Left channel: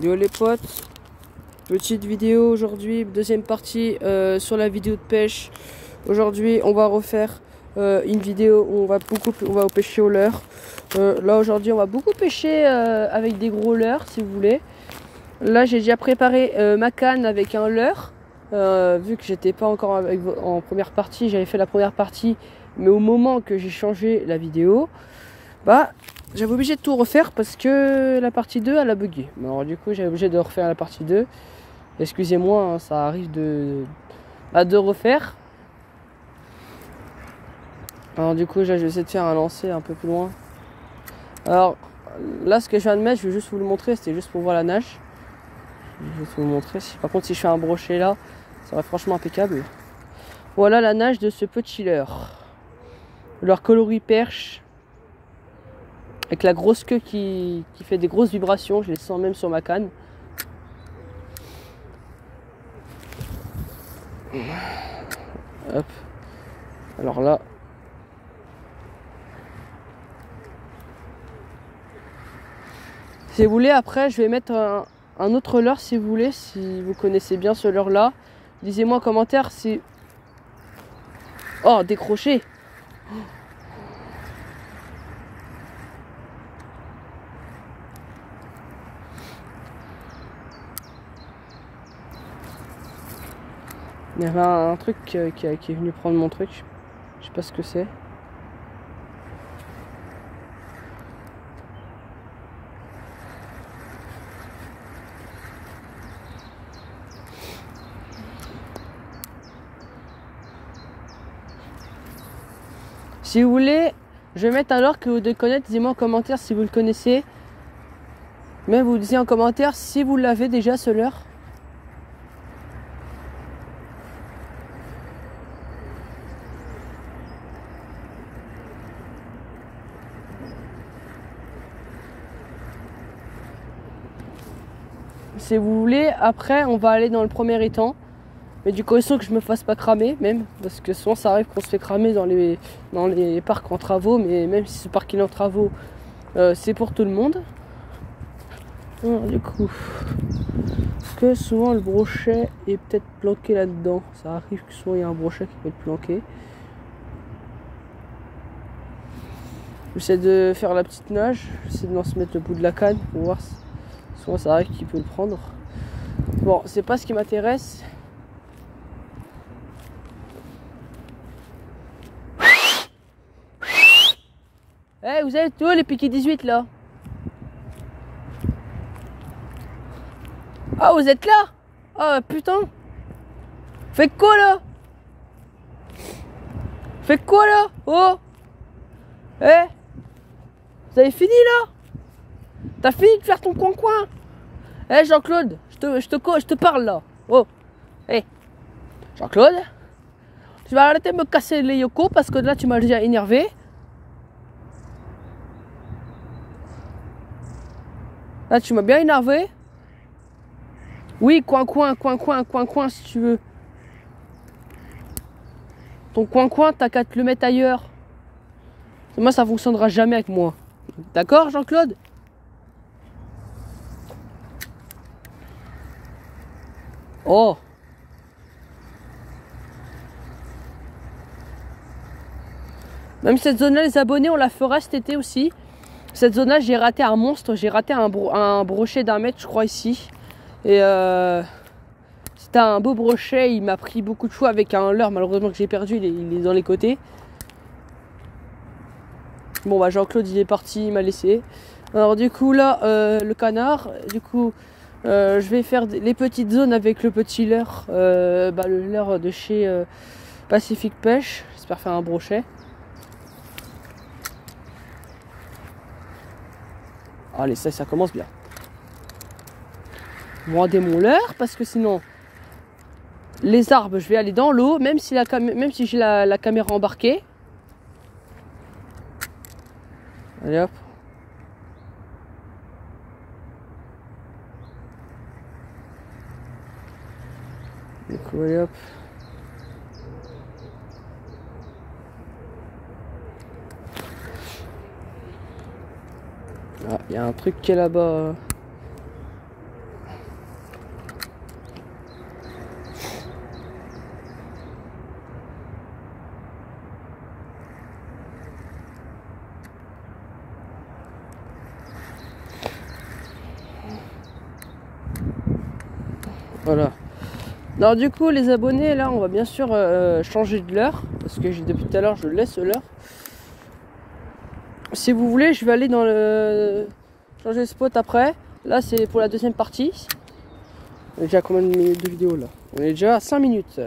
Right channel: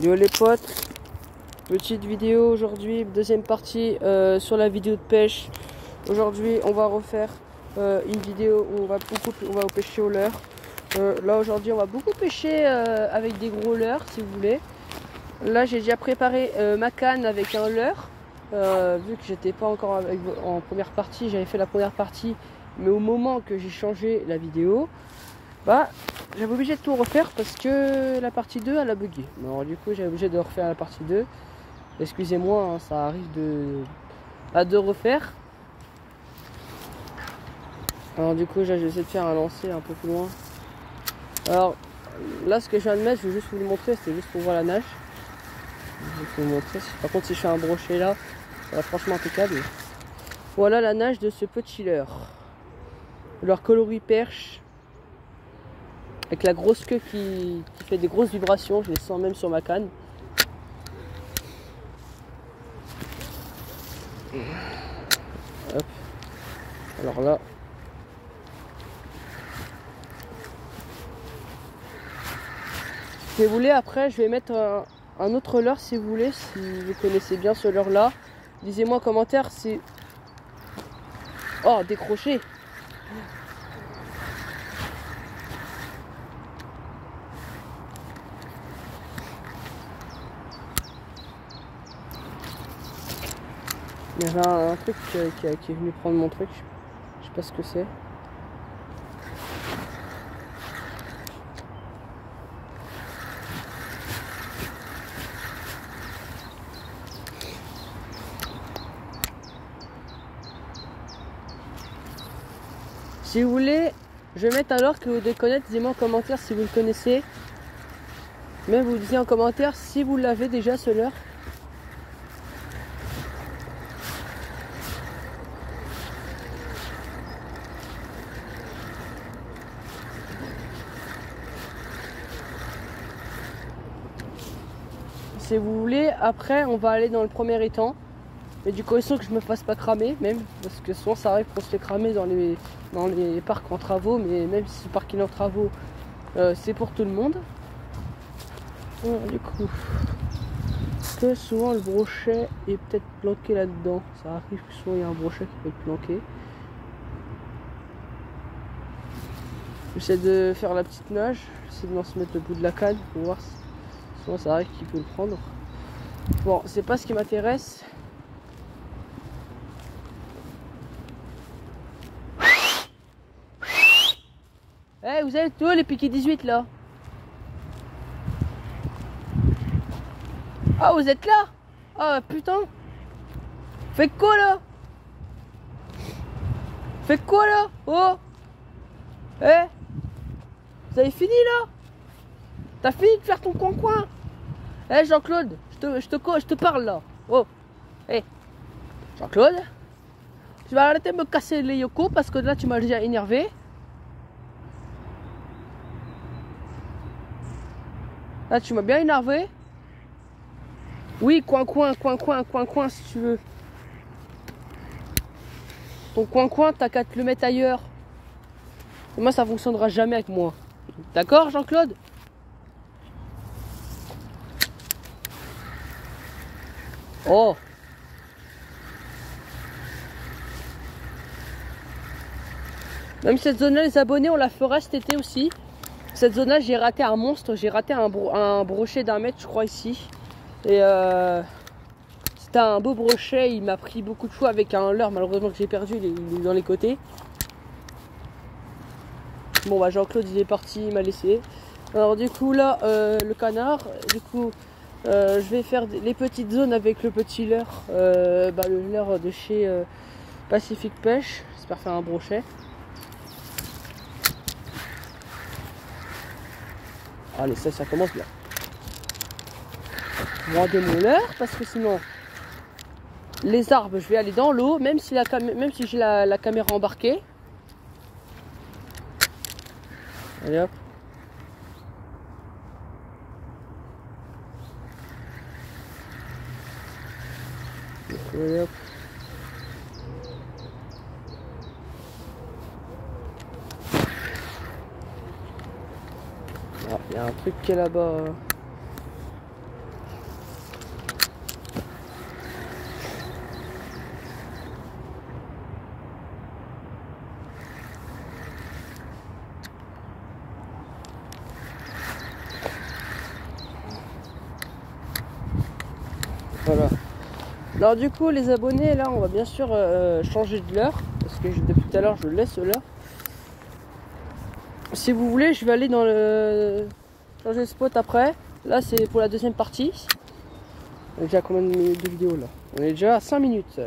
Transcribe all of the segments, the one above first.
Yo les potes, petite vidéo aujourd'hui, deuxième partie sur la vidéo de pêche. Aujourd'hui on va refaire une vidéo où on va pêcher au leurre. Là aujourd'hui on va beaucoup pêcher avec des gros leurres si vous voulez. Là j'ai déjà préparé ma canne avec un leurre. Vu que j'étais pas encore en première partie, j'avais fait la première partie, mais au moment que j'ai changé la vidéo, j'avais obligé de tout refaire parce que la partie 2 elle a bugué. Bon, alors, du coup j'ai obligé de refaire la partie 2. Excusez-moi, hein, ça arrive de refaire. Alors du coup je vais essayer de faire un lancer un peu plus loin. Alors là ce que je viens de mettre, je vais juste vous le montrer, c'était juste pour voir la nage. Je vais vous le montrer. Par contre si je fais un brochet là, ça va franchement impeccable. Voilà la nage de ce petit leurre. Leur coloris perche. Avec la grosse queue qui fait des grosses vibrations, je les sens même sur ma canne. Hop. Alors là. Si vous voulez, après je vais mettre un autre leurre si vous voulez, si vous connaissez bien ce leurre là. Disez-moi en commentaire si... Oh, décroché. Il y avait un truc qui est venu prendre mon truc. Je sais pas ce que c'est. Si vous voulez, je vais mettre un leurre que vous devez connaître. Dites-moi en commentaire si vous le connaissez. Même vous disiez en commentaire si vous l'avez déjà ce leurre. Si vous voulez, après on va aller dans le premier étang. Mais du coup il faut que je me fasse pas cramer même. Parce que souvent ça arrive qu'on se fait cramer dans les parcs en travaux. Mais même si ce parc est en travaux, c'est pour tout le monde. Alors, du coup, que souvent le brochet est peut-être planqué là-dedans. Ça arrive que souvent il y a un brochet qui peut être planqué. J'essaie de faire la petite nage. J'essaie de se mettre le bout de la canne pour voir si souvent ça arrive qu'il peut le prendre. Bon, c'est pas ce qui m'intéresse. Eh, vous êtes où les piquets 18 là? Ah, vous êtes là? Ah, putain. Faites quoi là? Faites quoi là? Oh. Eh, vous avez fini là? T'as fini de faire ton coin-coin? Eh, Jean-Claude, je te parle là. Oh. Eh, Jean-Claude, tu vas arrêter de me casser les yokos parce que là tu m'as déjà énervé. Là tu m'as bien énervé. Oui, coin-coin si tu veux. Ton coin-coin, t'as qu'à te le mettre ailleurs. Moi ça fonctionnera jamais avec moi. D'accord Jean-Claude? Oh. Même cette zone-là, les abonnés, on la fera cet été aussi. Cette zone-là, j'ai raté un monstre. J'ai raté un brochet d'1 mètre, je crois, ici. Et c'était un beau brochet. Il m'a pris beaucoup de fois avec un leurre. Malheureusement que j'ai perdu, il est dans les côtés. Bon, Jean-Claude, il est parti, il m'a laissé. Alors, du coup, là, le canard, du coup, je vais faire les petites zones avec le petit leurre. Le leurre de chez Pacific Pêche. J'espère faire un brochet. Allez, ça commence bien. Rendez mon leurre parce que sinon, les arbres, je vais aller dans l'eau, même si j'ai la caméra embarquée. Allez hop. Allez hop. Ah, il y a un truc qui est là-bas. Voilà. Alors du coup les abonnés, là on va bien sûr changer de leurre. Parce que depuis tout à l'heure je laisse l'heure. Si vous voulez je vais aller dans le changer de spot après. Là c'est pour la deuxième partie. On est déjà à combien de minutes de vidéo là? On est déjà à 5 minutes.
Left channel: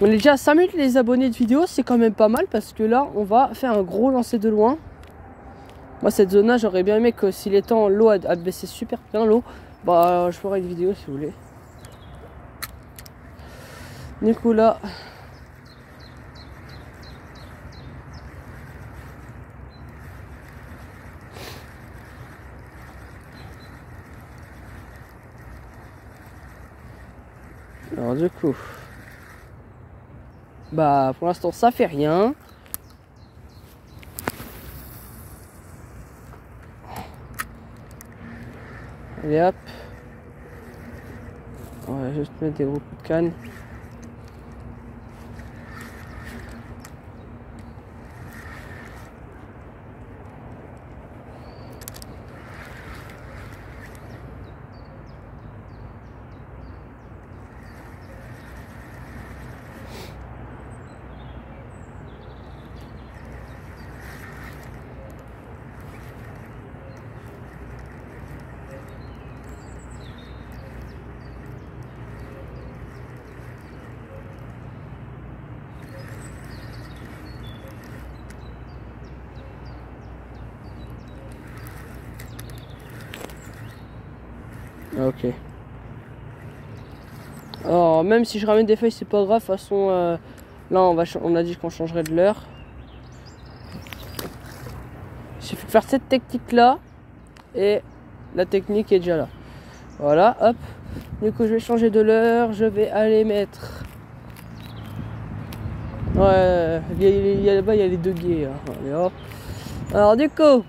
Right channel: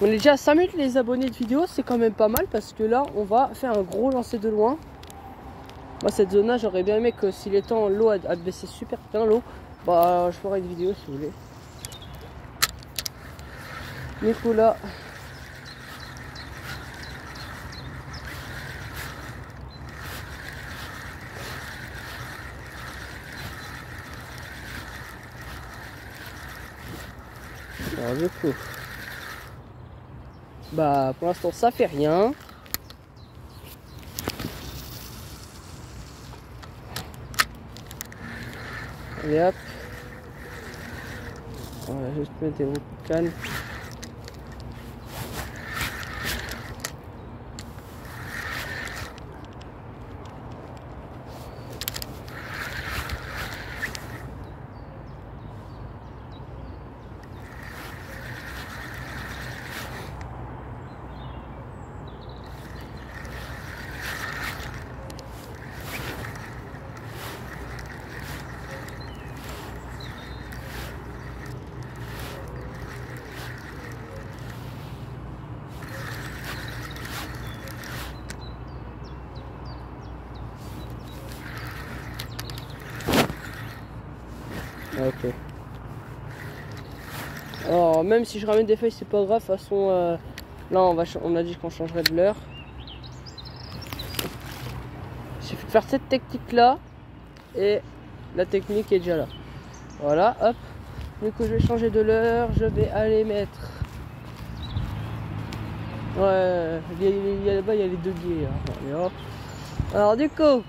On est déjà à 5 minutes les abonnés de vidéo, c'est quand même pas mal parce que là on va faire un gros lancer de loin. Moi cette zone là j'aurais bien aimé que si les temps l'eau a baissé super bien l'eau, bah je ferai une vidéo si vous voulez. Du coup là alors du coup bah pour l'instant ça fait rien. Allez hop. On va juste mettre des roues de canne. Ok. Alors même si je ramène des feuilles c'est pas grave, de toute façon là on a dit qu'on changerait de l'heure. Il suffit de faire cette technique là et la technique est déjà là. Voilà, hop. Du coup je vais changer de l'heure, je vais aller mettre. Ouais, là-bas il y a les deux guiers. Hein. Allez, hop. Alors du coup.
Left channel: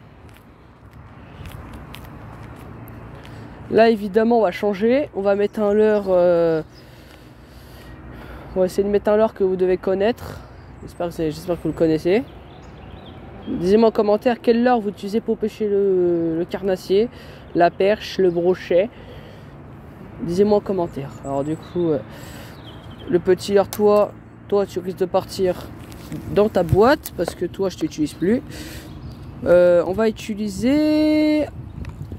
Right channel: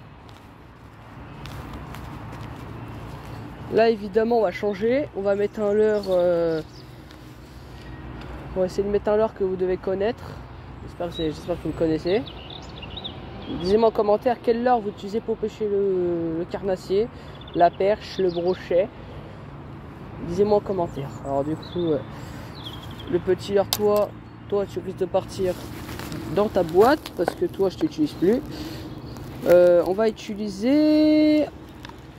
Là évidemment on va changer, on va mettre un leurre, on va essayer de mettre un leurre que vous devez connaître, j'espère que vous le connaissez. Dites-moi en commentaire quel leurre vous utilisez pour pêcher le carnassier, la perche, le brochet. Dites-moi en commentaire. Alors du coup, le petit leurre, toi tu risques de partir dans ta boîte parce que toi je t'utilise plus. On va utiliser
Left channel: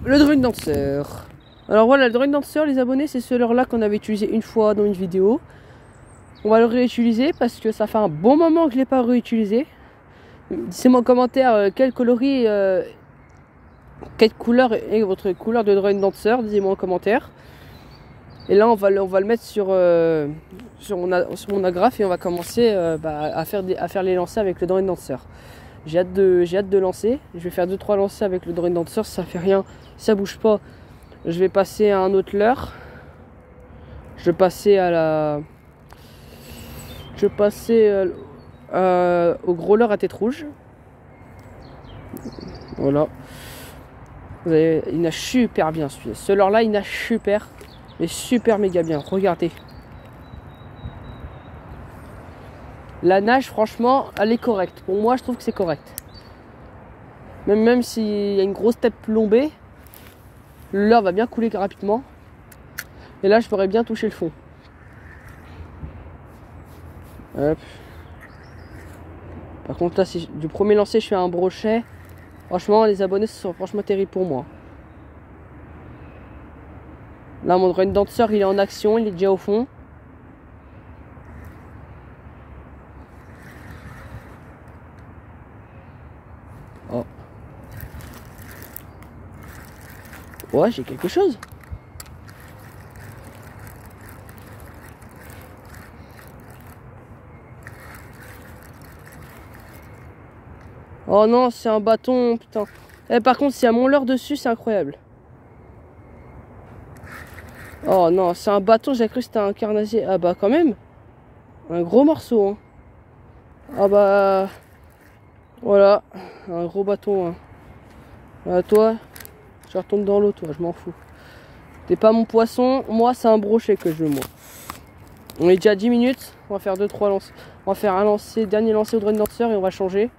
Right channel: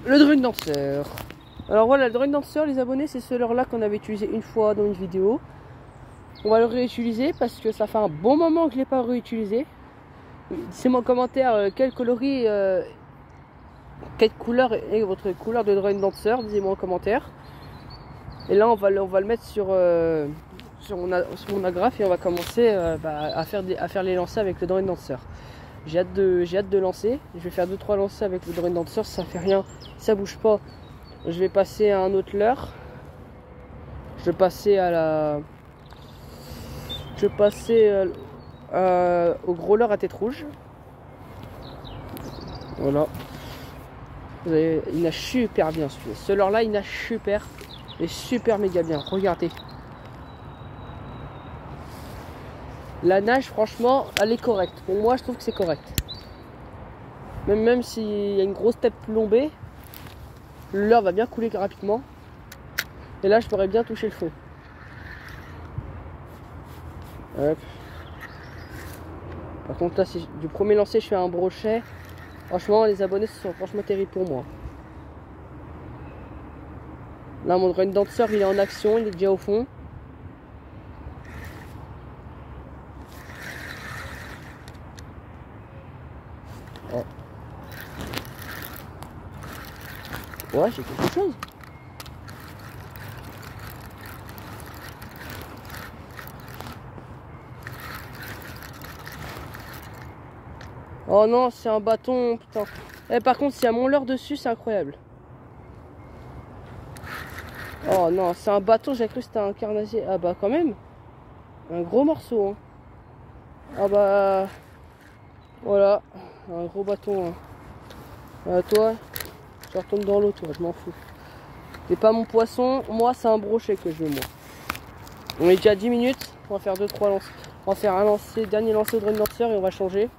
le drone danseur. Alors voilà, le drone danseur, les abonnés, c'est ce leurre là qu'on avait utilisé une fois dans une vidéo. On va le réutiliser parce que ça fait un bon moment que je ne l'ai pas réutilisé. Dites-moi en commentaire quel coloris, quelle couleur est votre couleur de drone danseur. Dites-moi en commentaire. Et là on va le mettre sur mon agrafe et on va commencer à faire les lancers avec le drone danseur. J'ai hâte de lancer. Je vais faire 2-3 lancers avec le drone danseur. Ça fait rien, ça bouge pas. Je vais passer à un autre leurre. Je vais passer au gros leurre à tête rouge. Voilà. Il nage super bien celui-là. Ce leurre là il nage super. Il est super méga bien. Regardez. La nage franchement elle est correcte. Pour moi je trouve que c'est correct. Même s'il y a une grosse tête plombée. Le leurre va bien couler rapidement. Et là, je pourrais bien toucher le fond. Hop. Par contre, là, si du premier lancer, je fais un brochet. Franchement, les abonnés, ce sont franchement terribles pour moi. Là, mon drone danseur, il est en action. Il est déjà au fond. Oh. Ouais, j'ai quelque chose. Oh non, c'est un bâton, putain. Eh, par contre, s'il y a mon leurre dessus, c'est incroyable. Oh non, c'est un bâton, j'ai cru que c'était un carnassier. Ah bah quand même. Un gros morceau. Hein. Ah bah... Voilà, un gros bâton. Hein. Toi, je retourne dans l'eau, toi, je m'en fous. T'es pas mon poisson, moi c'est un brochet que je veux, moi. On est déjà à 10 minutes, on va faire 2-3 lancers. On va faire un lancer, dernier lancer au drone danseur et on va changer.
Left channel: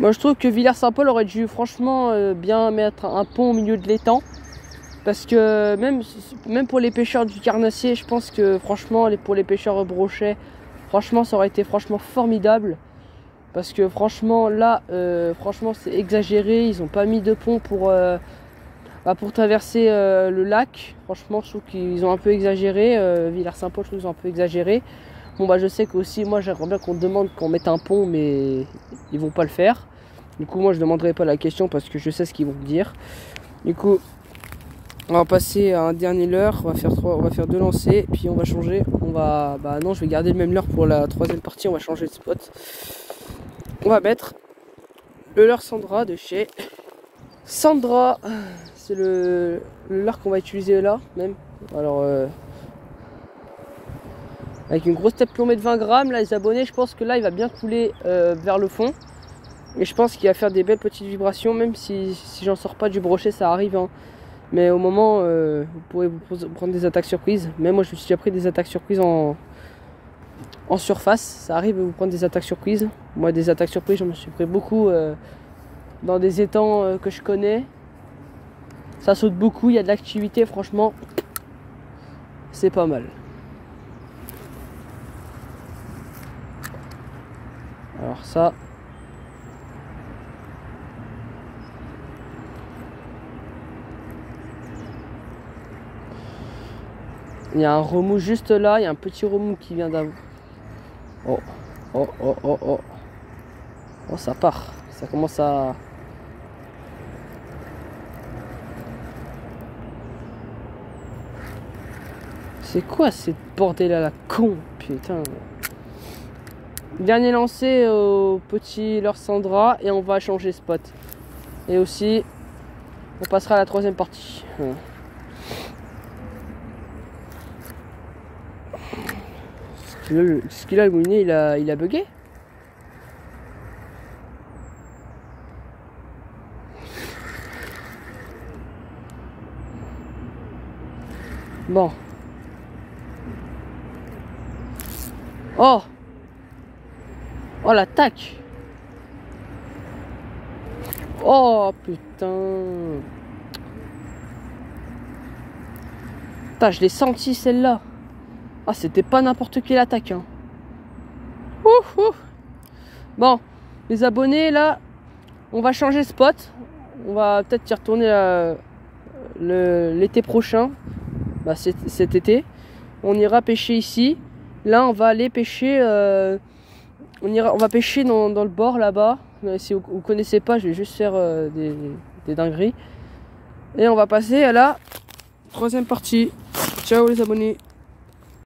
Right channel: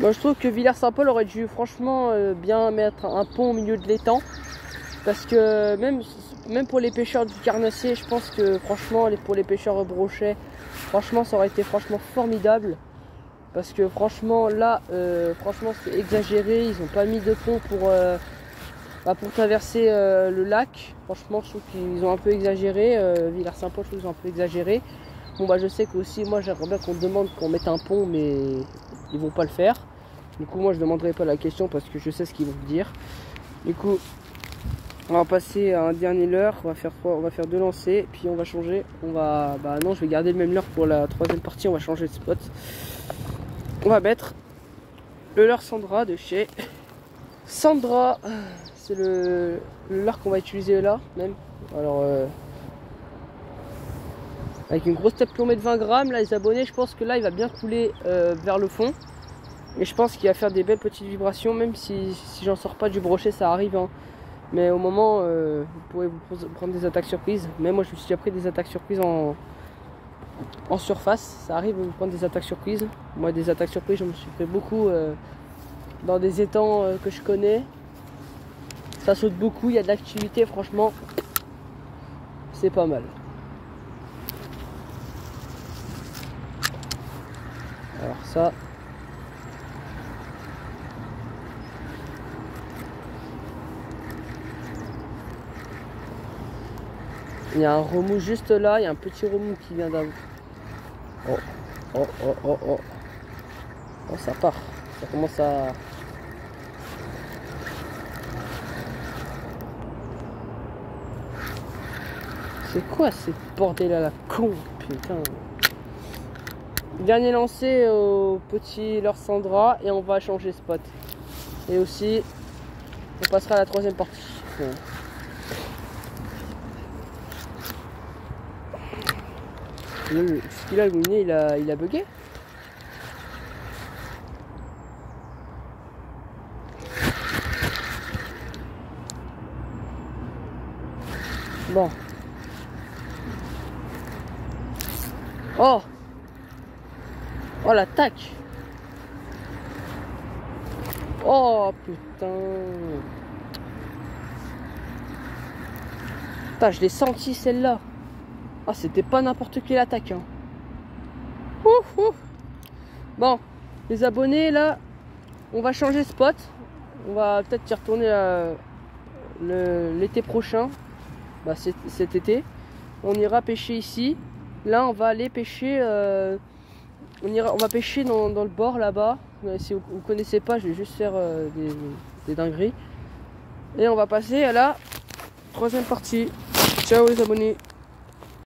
Moi je trouve que Villers-Saint-Paul aurait dû franchement bien mettre un pont au milieu de l'étang. Parce que même pour les pêcheurs du Carnassier, je pense que franchement pour les pêcheurs brochets, franchement ça aurait été franchement formidable. Parce que franchement là, franchement c'est exagéré, ils n'ont pas mis de pont pour traverser le lac. Franchement je trouve qu'ils ont un peu exagéré, Villers-Saint-Paul je trouve qu'ils ont un peu exagéré. Bon bah je sais que aussi moi j'aimerais bien qu'on demande qu'on mette un pont, mais ils vont pas le faire. Du coup moi je demanderai pas la question parce que je sais ce qu'ils vont me dire. Du coup on va passer à un dernier leurre, on va faire 2 lancers, puis on va changer. Non, je vais garder le même leurre pour la 3e partie, on va changer de spot. On va mettre le leurre Sandra de chez Sandra. C'est le leurre qu'on va utiliser là même. Alors avec une grosse tête plombée de 20 grammes, là les abonnés, je pense que là il va bien couler vers le fond. Mais je pense qu'il va faire des belles petites vibrations, même si j'en sors pas du brochet, ça arrive hein. Mais au moment, vous pourrez vous prendre des attaques surprises. Même moi, je me suis déjà pris des attaques surprises en surface. Ça arrive de vous prendre des attaques surprises. Moi, des attaques surprises, je me suis pris beaucoup dans des étangs que je connais. Ça saute beaucoup, il y a de l'activité, franchement. C'est pas mal. Alors ça... Il y a un remous juste là, il y a un petit remous qui vient d'avant. Oh, oh, oh, oh, oh. Oh, ça part. Ça commence à... C'est quoi cette bordel à la con, putain. Dernier lancé au petit leurre Sandra et on va changer spot. Et aussi, on passera à la 3e partie. Ouais. Ce qu'il a, le moulinet, il a bugué. Bon. Oh. Oh l'attaque. Oh putain. Putain, je l'ai senti celle-là. Ah, c'était pas n'importe quelle attaque. Hein. Ouf, ouf. Bon, les abonnés, là, on va changer spot. On va peut-être y retourner l'été prochain. Bah, cet été. On ira pêcher ici. Là, on va aller pêcher. On va pêcher dans le bord là-bas. Si vous ne connaissez pas, je vais juste faire des dingueries. Et on va passer à la 3e partie. Ciao les abonnés.